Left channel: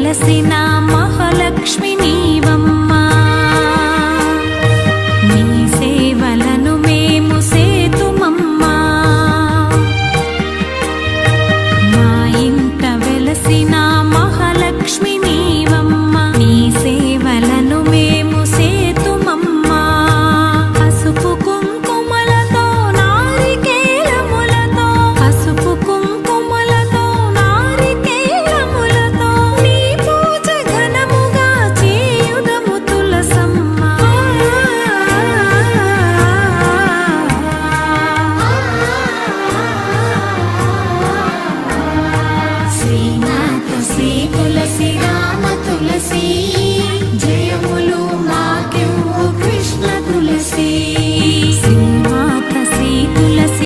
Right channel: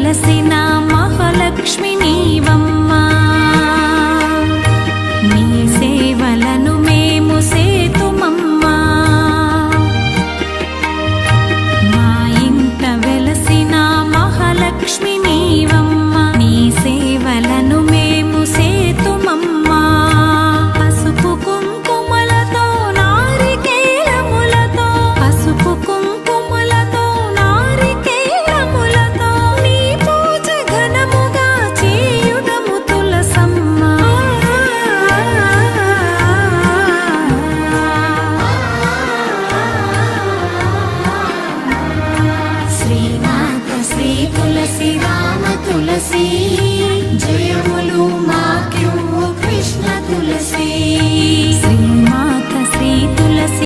వెలసిన మహాలక్ష్మి నీవమ్మా, నీ సేవలను మేము సేతుమమ్మా. మా ఇంట వెలసిన మహాలక్ష్మి నీవమ్మా, నీ సేవలను మేము సేతుమమ్మా. పసుపు కుంకుమలతో నారికేలములతో, పసుపు కుంకుమలతో నారికేలములతో నీ పూజ ఘనముగా చేయుదము తులసమ్మా. శ్రీనాథ శ్రీ తులసి రామ తులసి, జయములు మాకెవ్వు కృష్ణ తులసి. శ్రీమాత శ్రీ తులసి